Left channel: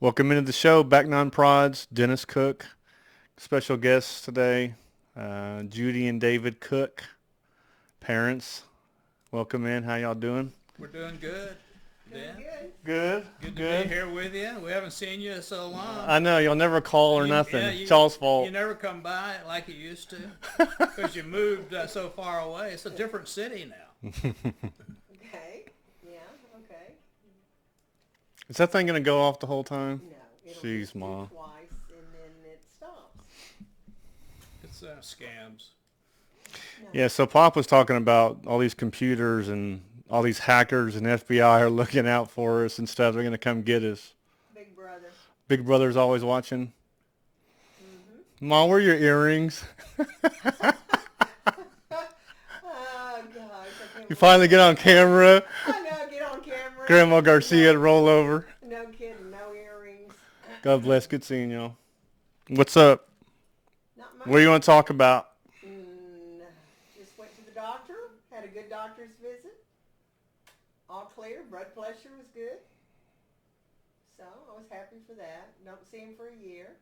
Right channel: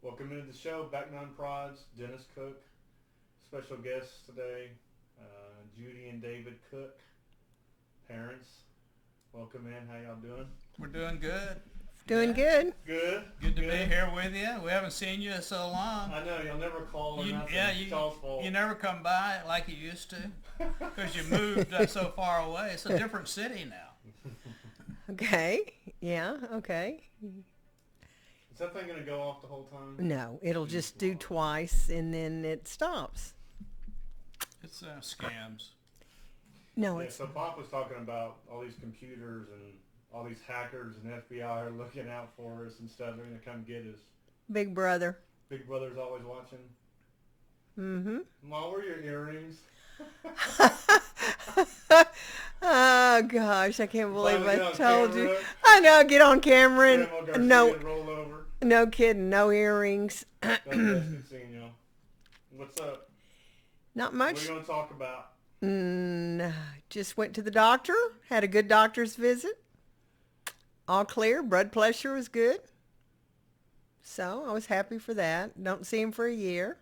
Welcome into the show, Back Nine Prods, Dennis Cook. Special guests today, Judy and David Cook, parents. Welcome in. How y'all doing? We're doing good. Doing Yeah. good. Good. Good to be here with you. We haven't seen you in so long. I know y'all never call or nothing. It's y'all's fault. You never come by like you used to because you moved so far away. It's a different city now. Okay. Yeah. Okay. Is that thing gonna go off the whole time? No, it'll Jeez, just do Mom. twice and then it stops. It's scams. No. Yeah. So Pop was talking about all these computers and all these hackers and FBI are looking out for us and stuff. They're gonna come get us. Big brother. Big Brother's always watching. Mm-hmm. Mom, where are your earrings? Oh gosh, I can't believe Finally get I on told you. camera. I know, get on camera. Grandma Garcia No, to roll over. no kidding, no earrings. God bless. Good seeing y'all. What's up? Not much. What do you want to talk about? Just went to the doctor, had a good doctor's visit. All clear, blood pressure was good. So I was happy for that. Don't see him for a year.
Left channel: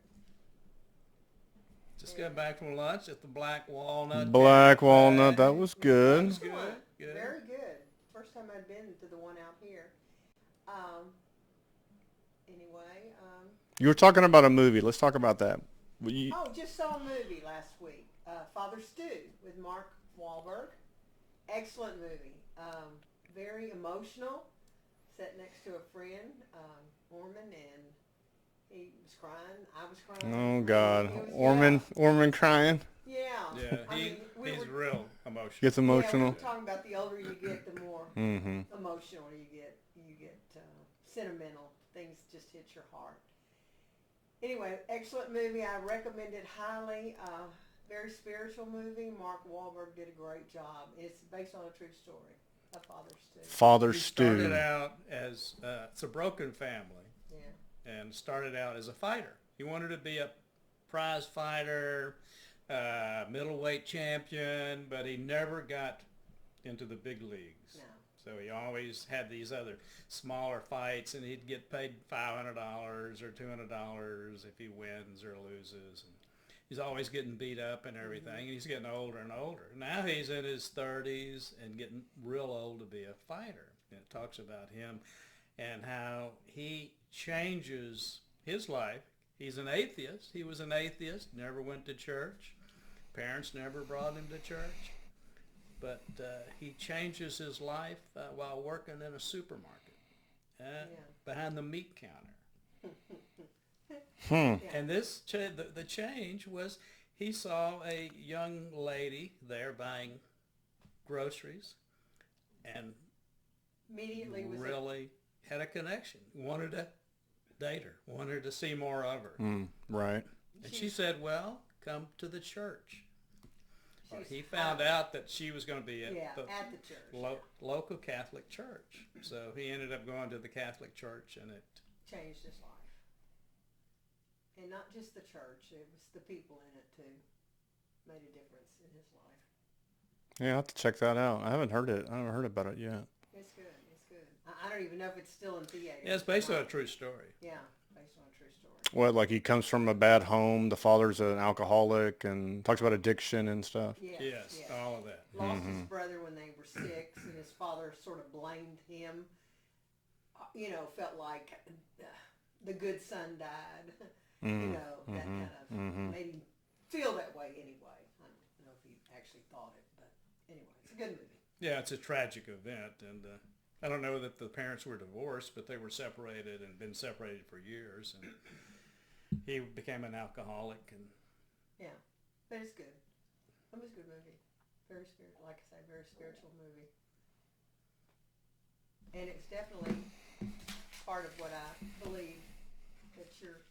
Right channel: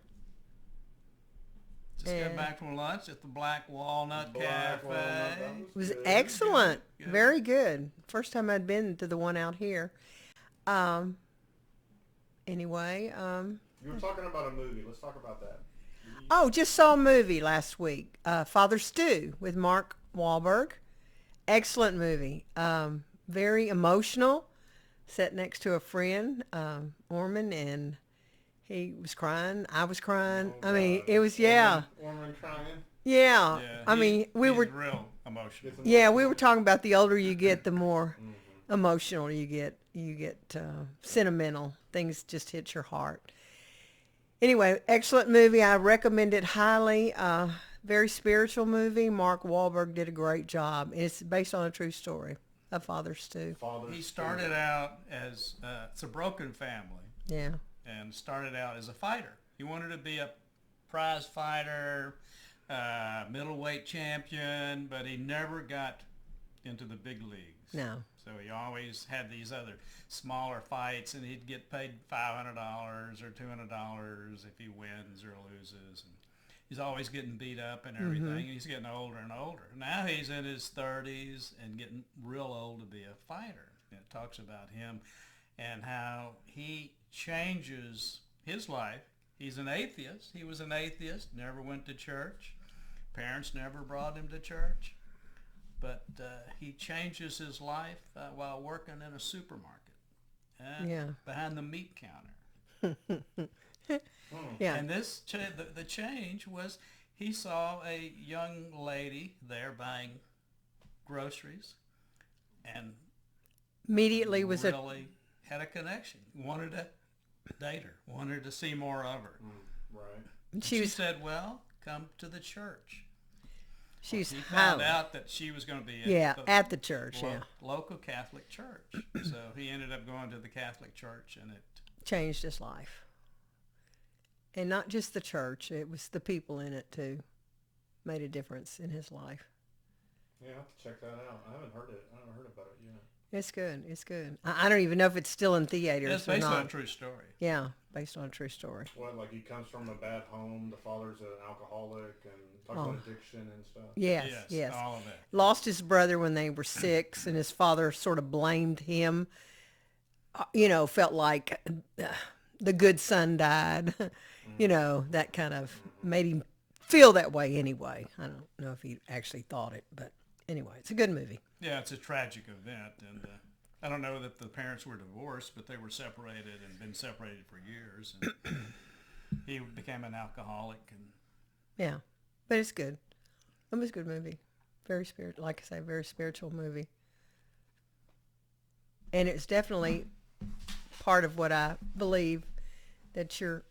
Just got back from lunch at the Black Walnut Black Cafe. Walnut. That was It was good. excellent. Good. Very good. First time I'd been to the one out here. Anyway, You were talking about a movie. Let's talk about that. You- just saw a movie last week. Father Stew with Mark Wahlberg. Excellent movie. Very emotional. Sat next to a friend, Orman, and he was crying. I was Oh crying. God. I mean, it was Orman crying. yeah. Yeah, I mean, we he's were real emotional. Gets emotional. Yeah, we were talking about the older you get, the more Mm-hmm. emotional you get. You get sentimental. Things just hit your heart. Anyway, excellent movie. I recommend it highly. Very spiritual movie. Mark Wahlberg did a great job. It's based on a true story of Father Stew. Father He Stew. started out as it's a broken family, Yeah. and started out as a fighter. He wanted to be a prize fighter, middleweight champion, but he never got into the big leagues. No. So he always had these other smaller fights, and he'd get paid $500 or $200 if he wins or loses. And he's always getting beat up and everything. And he's getting older and older. Now he's in his 30s and getting real old to be a fighter. And it talks about him and how he changes his life. He's an atheist. He was an atheist, never went to church. Parents never brought him to church. But he changes his life while working in a supermarket behind the meat counter. Yeah. And the change was he saw a young lady there buying groceries and Immediately was really had a connection, wanted to date her, wanted to see more of her. Right. And She she was- said, well, come to the church. she's He found highly- out that she was going to be at the church. Yeah. local Catholic church. So he ended up going to the Catholic church, and it Changed his life. And not just the church, it was the people in it too. Made a difference in his life. Yeah, I'll have to check that out. I haven't heard it. I haven't heard about it yet. It's good. It's good. I don't even know if it's still in theaters. it's or based on not. a true story. Yeah, based on a true story. What, like he comes from a bad home, the father's an alcoholic, and talks about addiction and stuff? Yes, yes. All of that. Lost his brother when they were 6, and his father sort of blamed him. Felt like the good son died. That kind of made him feel that way anyway. I don't know if he actually thought it, but anyway, it's a good movie. Yeah, it's a tragic event, and I don't know that the parents were divorced, but they were separated and been separated for years. And he became an alcoholic, and Yeah, but it's good. It was a good movie. Very like I say, very spiritual movie. And it's definitely part of what I believe, that you're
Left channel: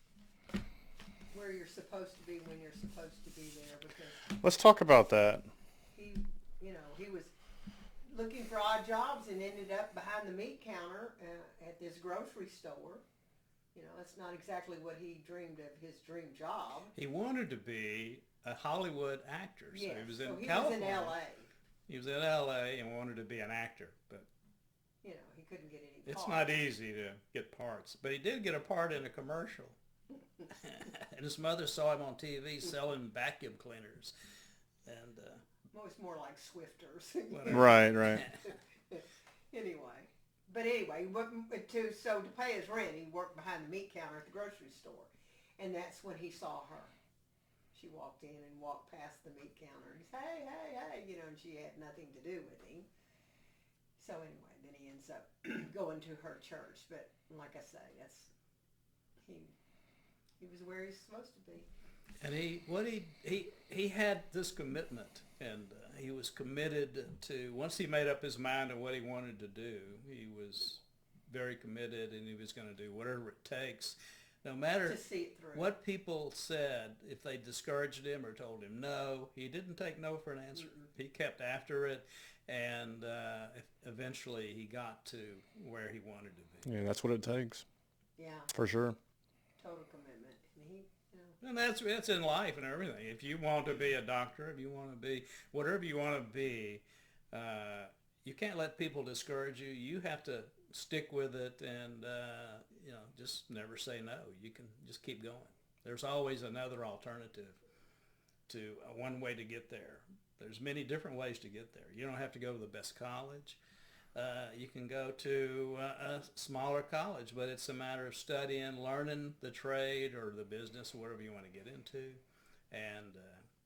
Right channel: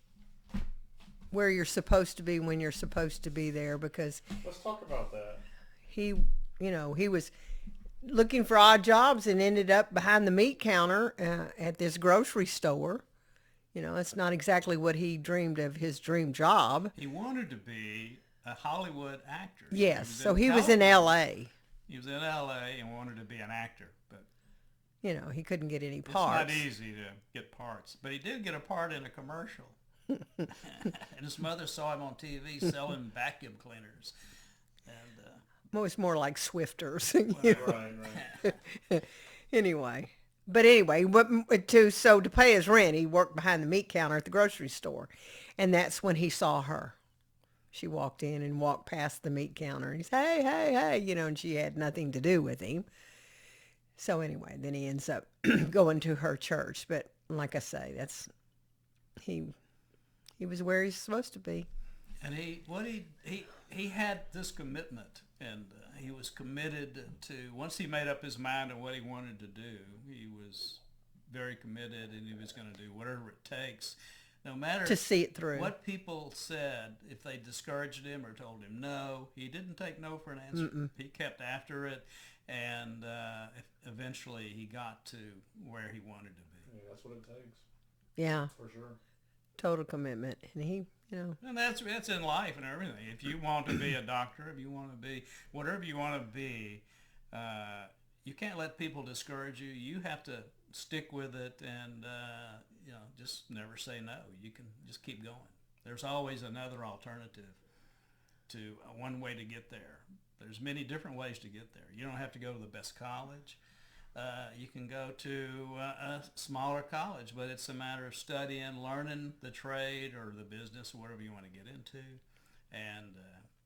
where you're supposed to be when you're supposed to be there, because Let's talk about that. he was looking for odd jobs and ended up behind the meat counter at this grocery store. That's not exactly what he dreamed of, his dream job. he wanted to be a Hollywood actor. Yes, so he was in California. L.A. He was in L.A. and wanted to be an actor, but You know, he couldn't get any It's parts. not easy to get parts, but he did get a part in a commercial. And his mother saw him on TV selling vacuum cleaners. And Well, it's more like Swifters. you know. Right. Anyway. But anyway, to pay his rent, he worked behind the meat counter at the grocery store. And that's when he saw her. She walked in and walked past the meat counter. And he said, hey, hey, hey, you know, and she had nothing to do with him. So anyway, then he ends up going to her church. But like I say, he was where he's supposed to be. And he had this commitment, and he was committed to, once he made up his mind on what he wanted to do, he was very committed, and he was going to do whatever it takes, no matter To see it through. what people said. If they discouraged him or told him no, he didn't take no for an answer. He kept after it, and eventually he got to where he wanted to be. Yeah, that's what it takes, Yeah, for sure. total commitment. And he, you know. And that's in life and everything. If you want to be a doctor, if you want to be whatever you want to be, you can't let people discourage you. You have to stick with it, and just never say no. You can just keep going. There's always another alternative to one way to get there. There's many different ways to get there. You don't have to go to the best college. You can go to a smaller college, but it's a matter of studying, learning the trade or the business or whatever you want to get into, and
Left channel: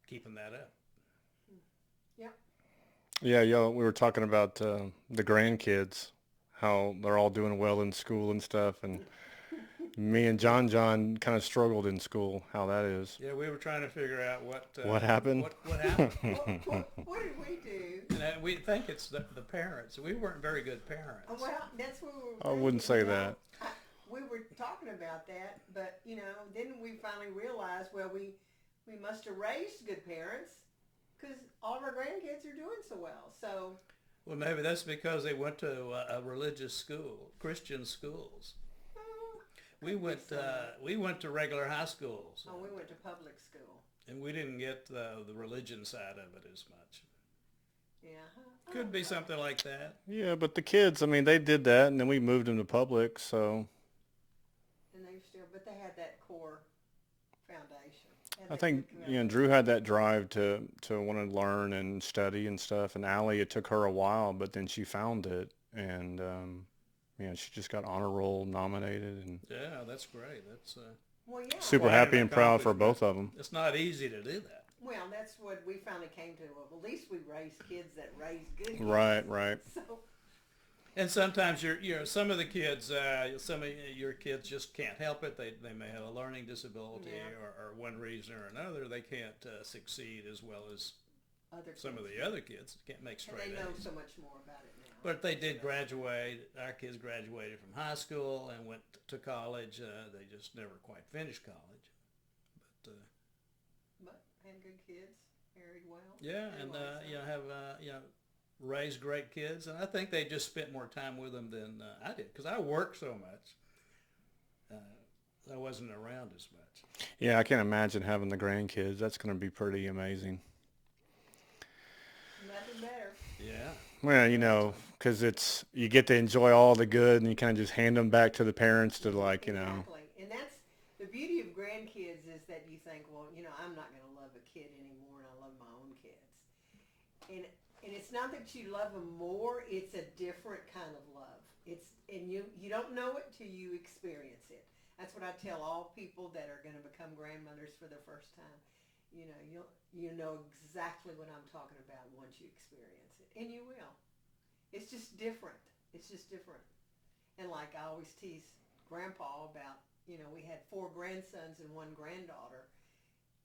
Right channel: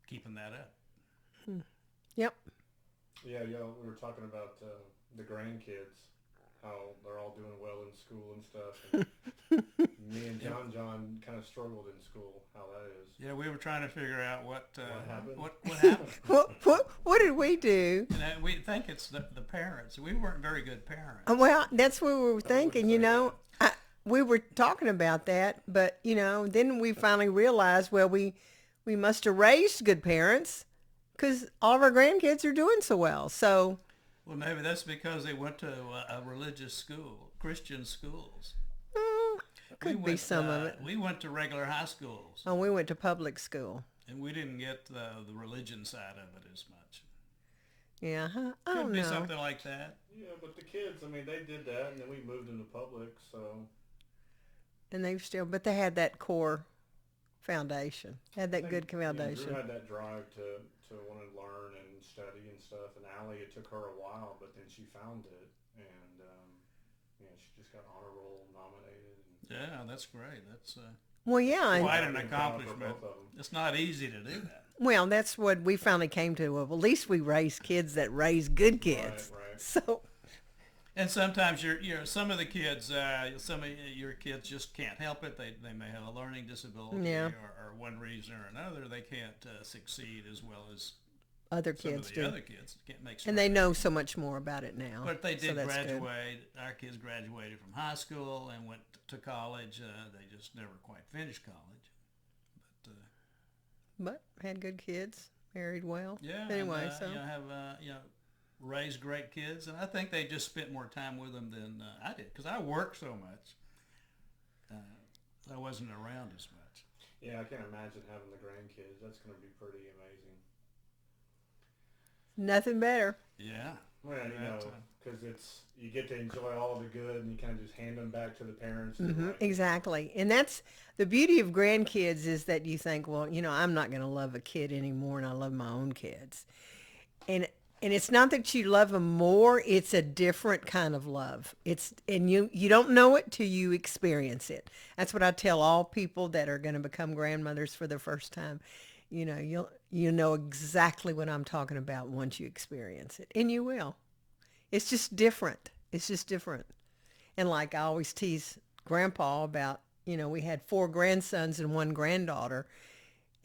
keeping that up. Yep. Yeah, we were talking about the grandkids, how they're all doing well in school and stuff, and me and John kind of struggled in school, how that is. Yeah, we were trying to figure out what happened. What happened? What did we do? And we think it's the parents. We weren't very good parents. Well, that's what we were I wouldn't thinking, say you know. We were talking about that, but, you know, then we finally realized, well, we must have raised good parents because all of our grandkids are doing so well. So, Well, maybe that's because they went to a religious school, Christian schools. could be some of it. We went to regular high schools, Oh, we went to public school. and we didn't get the religion side of it as much. Yeah, I Could don't be know. something like that. Yeah, but the kids, I mean, they did that, and then we moved them to public, so And but they had that core foundation. Had I that think, good foundation. Drew had that drive to want to learn and study and stuff, and Allie, it took her a while, but then she found it, and she just got honor roll nominated, and Yeah, that's great. That's Well, yeah. super Quite an happy and proud for accomplishment. both of them. it's not easy to do that. Well, that's what we finally came to. Well, at least we raise kids that raise good kids. Right. So, And sometimes some of the kids, some of your kids just can't help it. They may have a learning disability, Yeah. or one reason or another, they can't succeed as well as other some kids of the do. other kids can't make. And they straight know A's. so much more about it now. But they So did that's good. graduate. Our kids graduated from high school and went to college. They just never quite finished college. But But had good kids, married well. yeah, Anyway, and, so have raised great kids, and I think they just spent more time with them than I did because I worked so much. I wasn't around as much. Yeah, I can't imagine having the grandkids. That's going to be pretty amazing. nothing better. Yeah. Well, because you get to enjoy all the good, and you kind of just hand them back to the parents to Exactly. And that's the beauty of grandkids is that you think, well, I'm not going to love a kid anymore, and I love my own kids. And it's not that you love them more, it's a different kind of love. And you don't know it till you experience it. That's what I tell all people that are going to become grandmothers for the first time. You'll know exactly what I'm talking about once you experience it. And you will. It's just different. It's just different. And like I always tease Grandpa about, we had 4 grandsons and 1 granddaughter.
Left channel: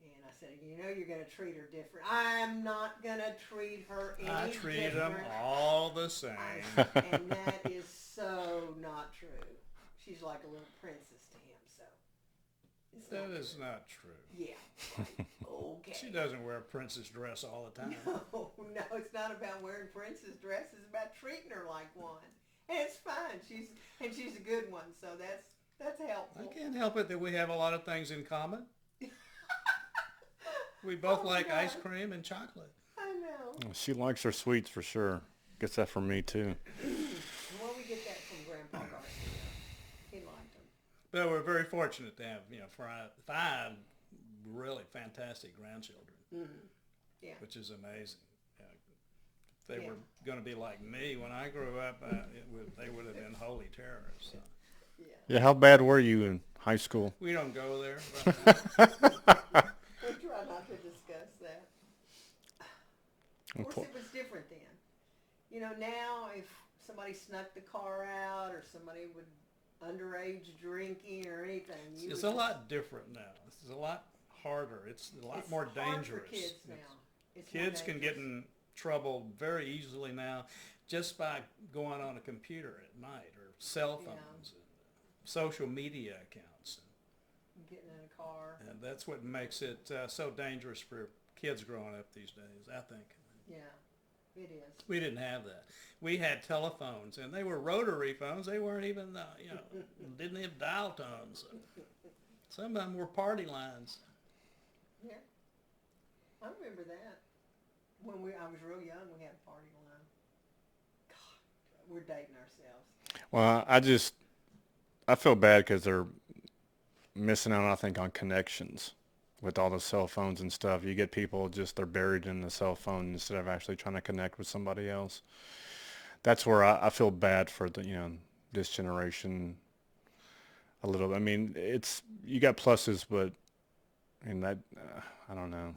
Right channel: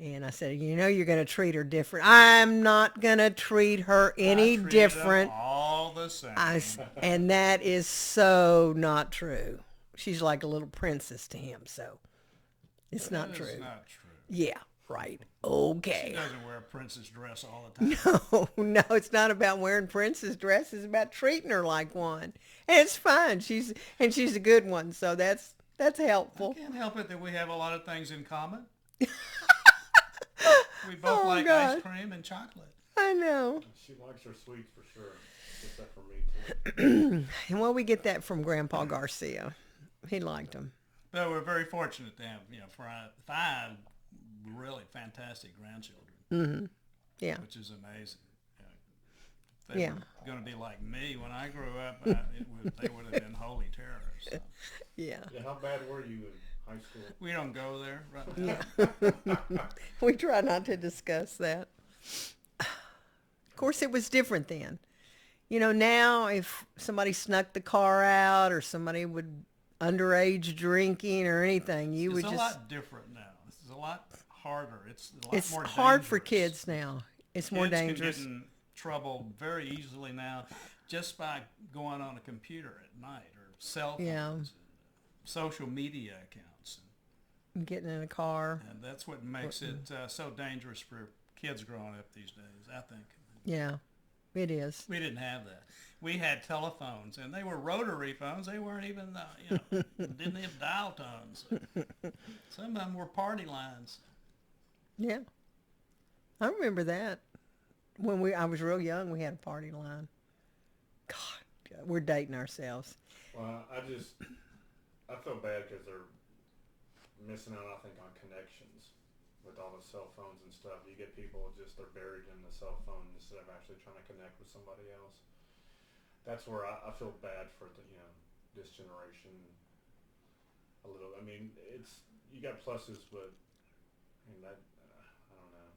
And I said, you're going to treat her different. I'm not going to treat her any I treated different. them all the same. And that is so not true. She's like a little princess to him. So it's That not true. is not true. Yeah, right. She Okay. doesn't wear a princess dress all the time. No, it's not about wearing princess dresses. It's about treating her like one. And it's fine. She's a good one. So that's helpful. I can't help it that we have a lot of things in common. We both Oh, like ice God. cream and chocolate. I know. She likes her sweets for sure. Gets that from me too. And well, we get that from Grandpa Garcia. He liked them. But we're very fortunate to have, five really fantastic grandchildren, Yeah. which is amazing. If they Yeah. were going to be like me when I grew up, they would have been holy terrors. So. Yeah. Yeah, how bad were you in high school? We don't go there. Right? We try not to discuss that. Of course, it was different then. Now if somebody snuck the car out or somebody would underage drinking or anything, you It's would a just... lot different now. This is a lot harder. It's a lot It's more hard for dangerous. kids now. It's more Kids dangerous. can get in trouble very easily now just by going on a computer at night or cell phones Yeah. and social media accounts. Getting in a car. And that's what makes it so dangerous for kids growing up these days, I think. Yeah, it is. We didn't have that. We had telephones, and they were rotary phones. They weren't even, didn't have dial tones. Some of them were party lines. Yeah. I remember that. When I was real young, we had a party line. God, we're dating ourselves. Well, I feel bad because they're missing out, I think, on connections with all the cell phones and stuff. You get people they're buried in the cell phone instead of actually trying to connect with somebody else. That's where I feel bad for this generation a little bit. I mean, you got pluses, but that, I don't know.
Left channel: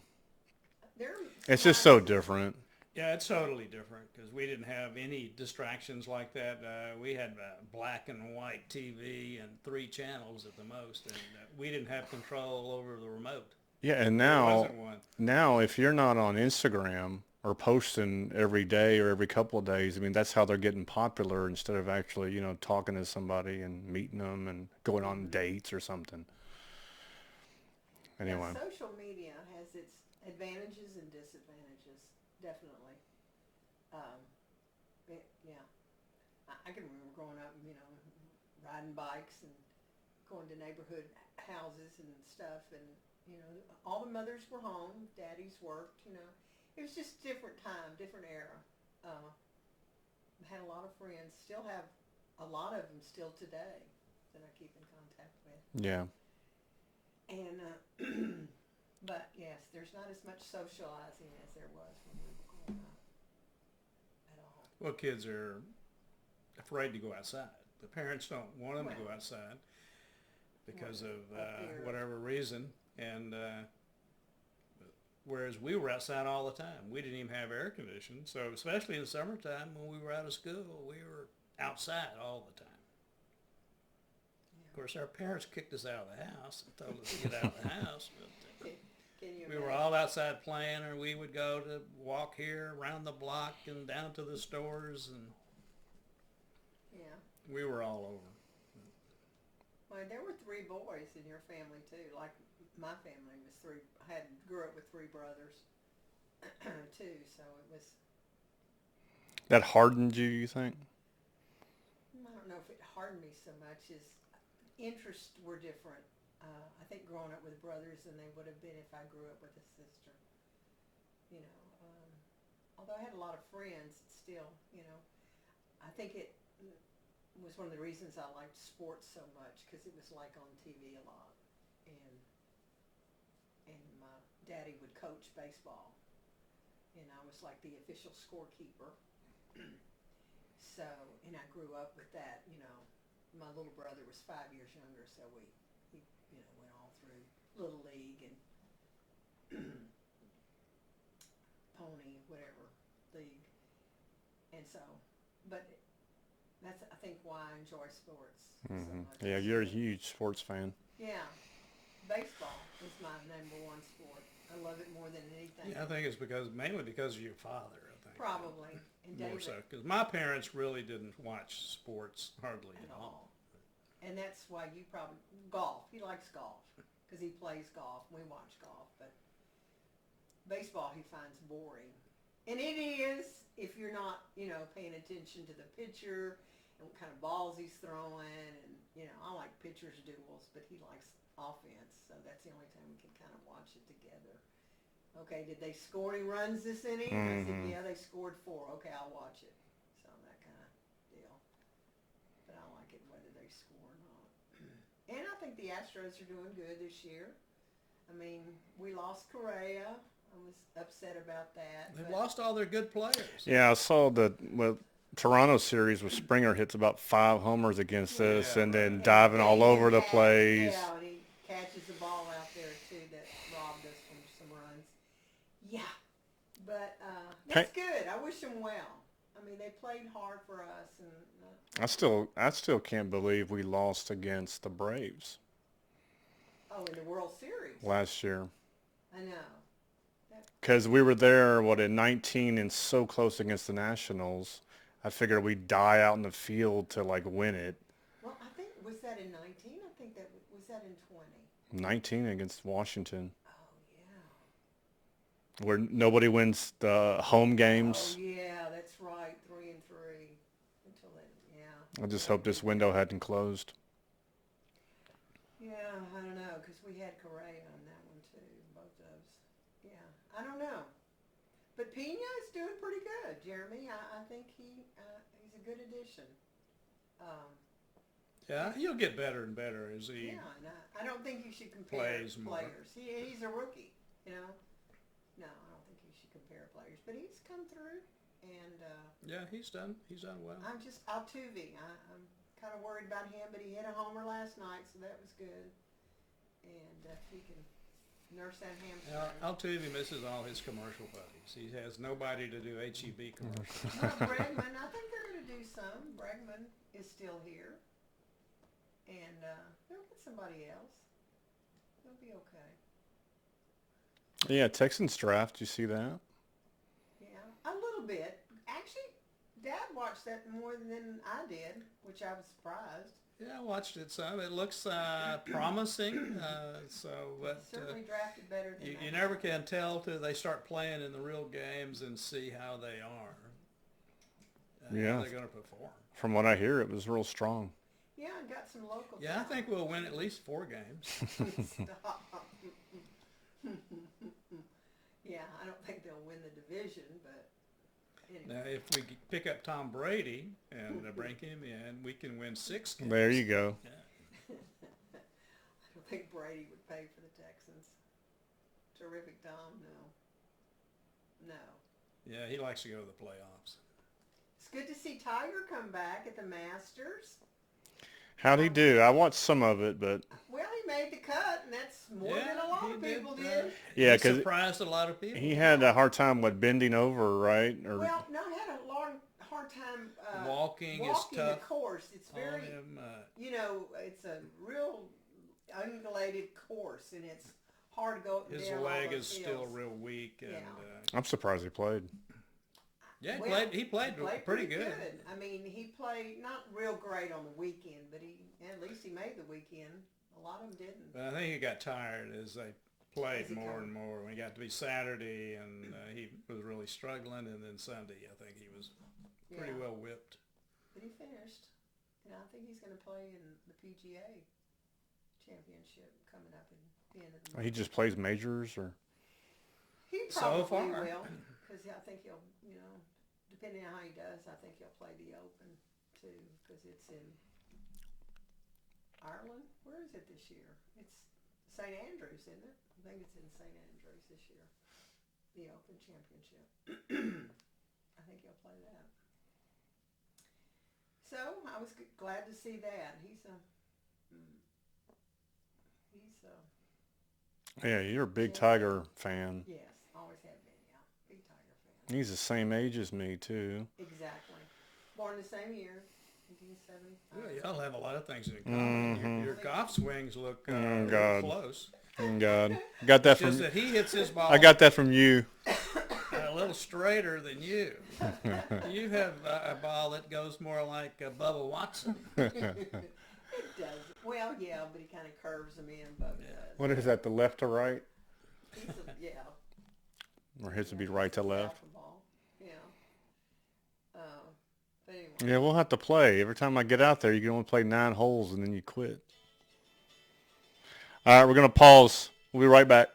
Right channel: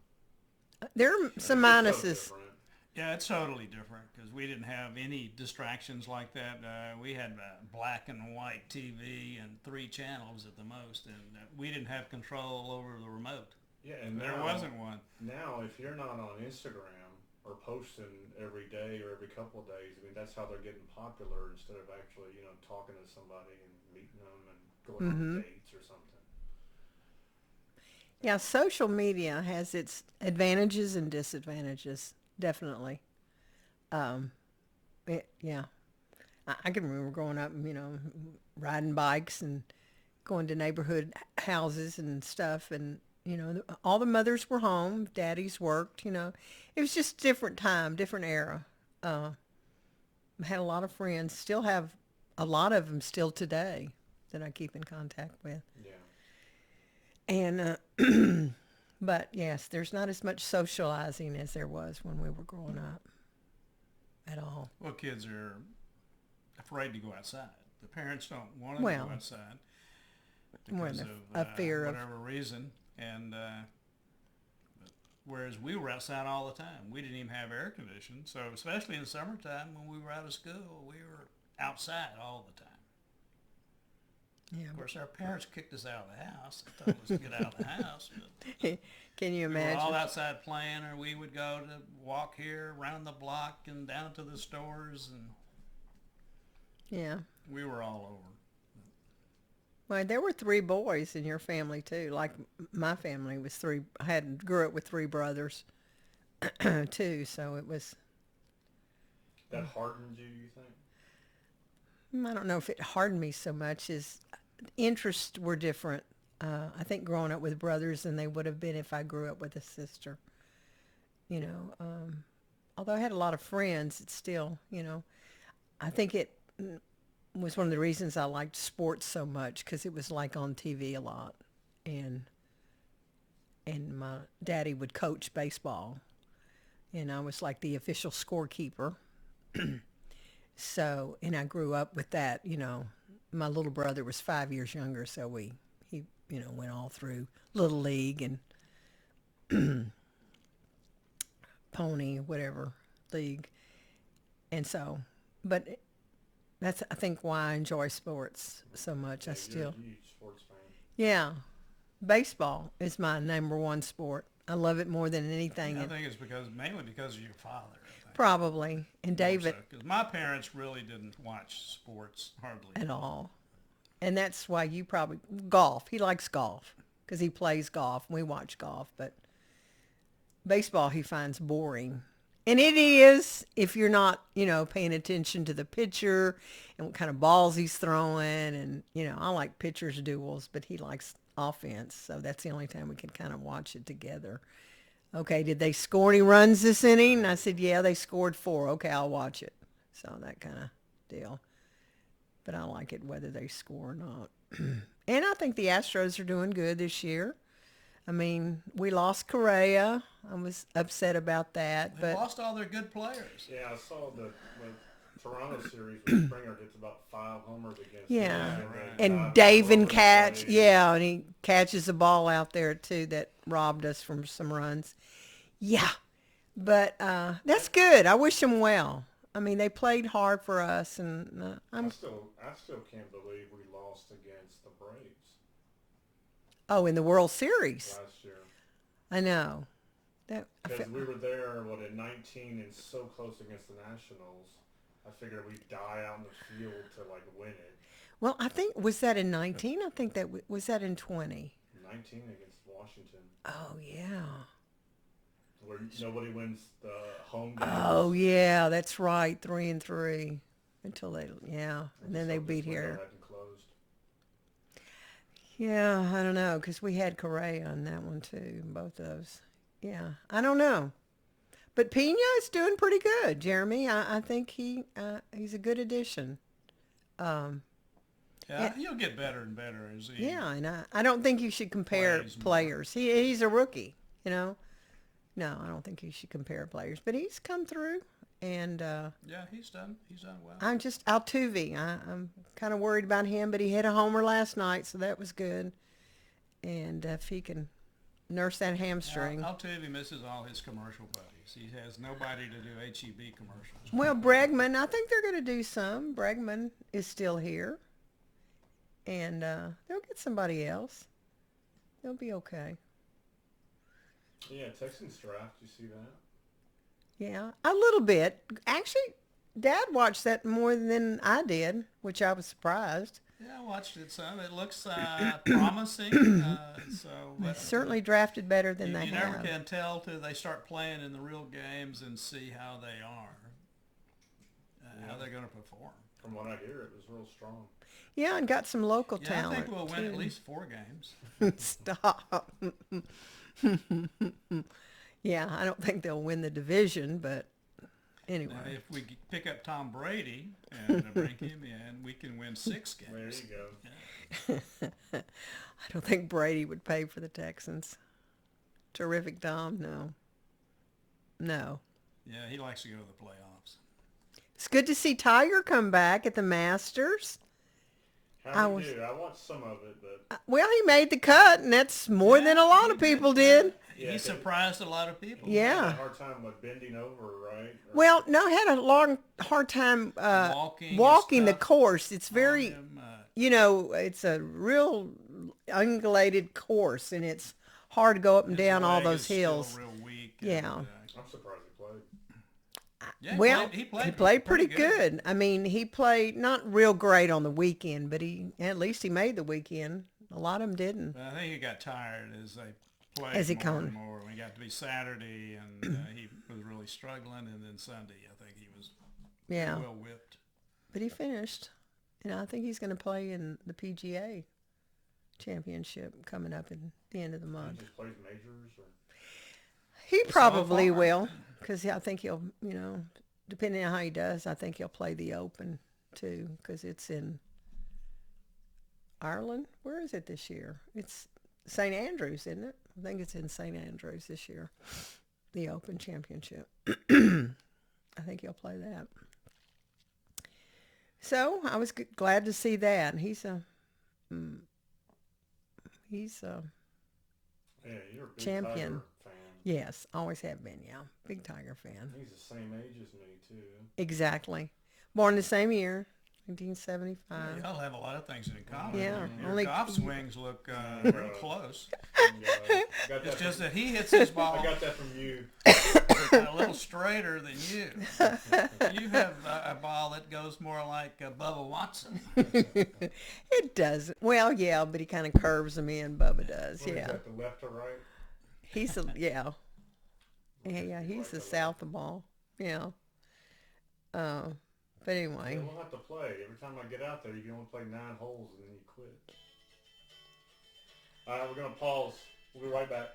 There are some It's just so minuses. different. Yeah, it's totally different because we didn't have any distractions like that. We had black and white TV and 3 channels at the most, and we didn't have control over the remote. Yeah, and There now, wasn't one. now if you're not on Instagram or posting every day or every couple of days, I mean, that's how they're getting popular instead of actually, talking to somebody and meeting them and going on dates or something. Yeah, Anyway. social media has its advantages and disadvantages, definitely. Yeah. I can remember growing up, riding bikes and going to neighborhood houses and stuff. And, all the mothers were home. Daddies worked, It was just a different time, different era. I had a lot of friends, still have a lot of them still today that I keep in contact with. Yeah. And, but yes, there's not as much socializing as there was when we were growing up at all. Well, kids are afraid to go outside. The parents don't want them to go outside because of a fear of... whatever reason. And whereas we were outside all the time. We didn't even have air conditioning. So especially in the summertime when we were out of school, we were outside all the time. Yeah. Of course, our parents kicked us out of the house and told us to get out of the house. But Can you we imagine? were all outside playing, or we would go to walk here around the block and down to the stores, and Yeah. we were all over. Well, there were 3 boys in your family too. Like my family was 3. I grew up with 3 brothers too. So it was... That hardened you think? I don't know if it hardened me so much as interests were different. I think growing up with brothers than they would have been if I grew up with a sister. Although I had a lot of friends, it's still, I think it was one of the reasons I liked sports so much because it was like on TV a lot. And my daddy would coach baseball. And I was like the official scorekeeper. So, and I grew up with that, my little brother was 5 years younger, so he went all through Little League and Pony, whatever, league. And so, but that's, I think, why I enjoy sports so much. Yeah, you're a huge sports fan. Yeah. Baseball is my number 1 sport. I love it more than anything. Yeah, I think it's mainly because of your father. I think. Probably. And David. Because my parents really didn't watch sports hardly At all. And that's why you probably... Golf. He likes golf because he plays golf. We watch golf. But baseball he finds boring. And it is if you're not, paying attention to the pitcher and what kind of balls he's throwing. And, I like pitcher's duels, but he likes offense. So that's the only time we can kind of watch it together. Okay, did they score any runs this inning? I said, yeah, they scored 4. Okay, I'll watch it. So that kind of deal. But I like it whether they score or not. And I think the Astros are doing good this year. I mean, we lost Correa. I was upset about that. They But lost all their good players. Yeah, I saw that with Toronto series with Springer hits about 5 homers against Yeah. us and then and diving all Davin over the catch, place. yeah, and he catches a ball out there too that robbed us from some runs. Yeah, but that's good. I wish them well. I mean, they played hard for us, and I still can't believe we lost against the Braves in the World Series, last year. I know that Because we were there, at 19 and so close against the Nationals. I figured we'd die out in the field to win it. Well, I think was that in 19? I think that was that in 20. 19 against Washington, Oh yeah. where nobody wins the home games. Oh yeah, that's right. 3-3 until they yeah. I just then they hope this beat window here. hadn't closed. Yeah, I don't know, because we had Correa on that one too, both of those. Yeah, I don't know. But Pena is doing pretty good, Jeremy. I think he's a good addition. Yeah, he'll get better and better as he. Yeah, and I don't think you should compare Plays more. players. He's a rookie, you know. No, I don't think you should compare players. But he's come through, and Yeah, he's done well. I'm just Altuve. I'm kind of worried about him, but he hit a homer last night, so that was good. And if he can nurse that hamstring. Altuve misses all his commercial buddies. He has nobody to do HEB commercials. Well, Bregman, I think they're going to do some. Bregman is still here. And they'll get somebody else. They'll be okay. Yeah, Texans draft. You see that? Yeah, a little bit. Actually, Dad watched that more than I did, which I was surprised. Yeah, I watched it some. It looks promising. But Certainly drafted better than you they never have. can tell till they start playing in the real games and see how they are. Yeah. How they're going to perform. From what I hear, it was real strong. Yeah, and got some local Yeah, talent. I think we'll win too. at least 4 games. Stop. Yeah, I don't think they'll win the division, but anyway. Now, if we pick up Tom Brady and bring him in, we can win 6 games. There you go. I don't think Brady would pay for the Texans. Terrific, Tom. No. Yeah, he likes to go to the playoffs. It's good to see Tiger come back at the Masters. How'd he do? I watched some of it, but Well, he made the cut, and that's more than a lot of people did. Yeah, he 'cause surprised a lot of people. he had Yeah. a hard time with bending over, right? Or, Well, no, had a hard time Walking walking is the tough course. It's on very, him, it's a real ungulated course, and it's hard to go up and his down all leg those is hills. Still real weak. Yeah. I'm surprised he played. Yeah, Well, he played pretty good. I mean, he played not real great on the weekend, but at least he made the weekend. A lot of them didn't. But I think he got tired as they played As he more come. and more. When he got to be Saturday, and he was really struggling, and then Sunday, I think he was Yeah, pretty well whipped. but he finished, and I think he's going to play in the PGA Championship coming up at the end of the month. He just plays majors, or He probably far. will, because I think he'll, depending on how he does, I think he'll play the Open too, because it's in Ireland. Where is it this year? It's St. Andrews, isn't it? I think it's in St. Andrews this year, the Open Championship. I think he'll play that. So I was glad to see that. And he's a yeah, you're a big Champion. Tiger fan. yes, always have been, yeah, big Tiger fan. He's the same age as me too. Exactly. Born the same year, 1975. Yeah, y'all have a lot of things in common. Yeah, Your only- golf swings look God. close. Thank God. Got that Just from. that he hits his ball I got that from you. a little straighter than you. You have a ball that goes more like Bubba Watson. It doesn't. Well, yeah, but he kind of curves them in. Bubba does. What yeah. is that? The left to right, He's a yeah. or his would be he's right to a left? south of ball. Yeah. But anyway. Yeah, we'll have to play. Every time I get out there, you can only play 9 holes and then you quit. All right, we're gonna pause. We'll be right back.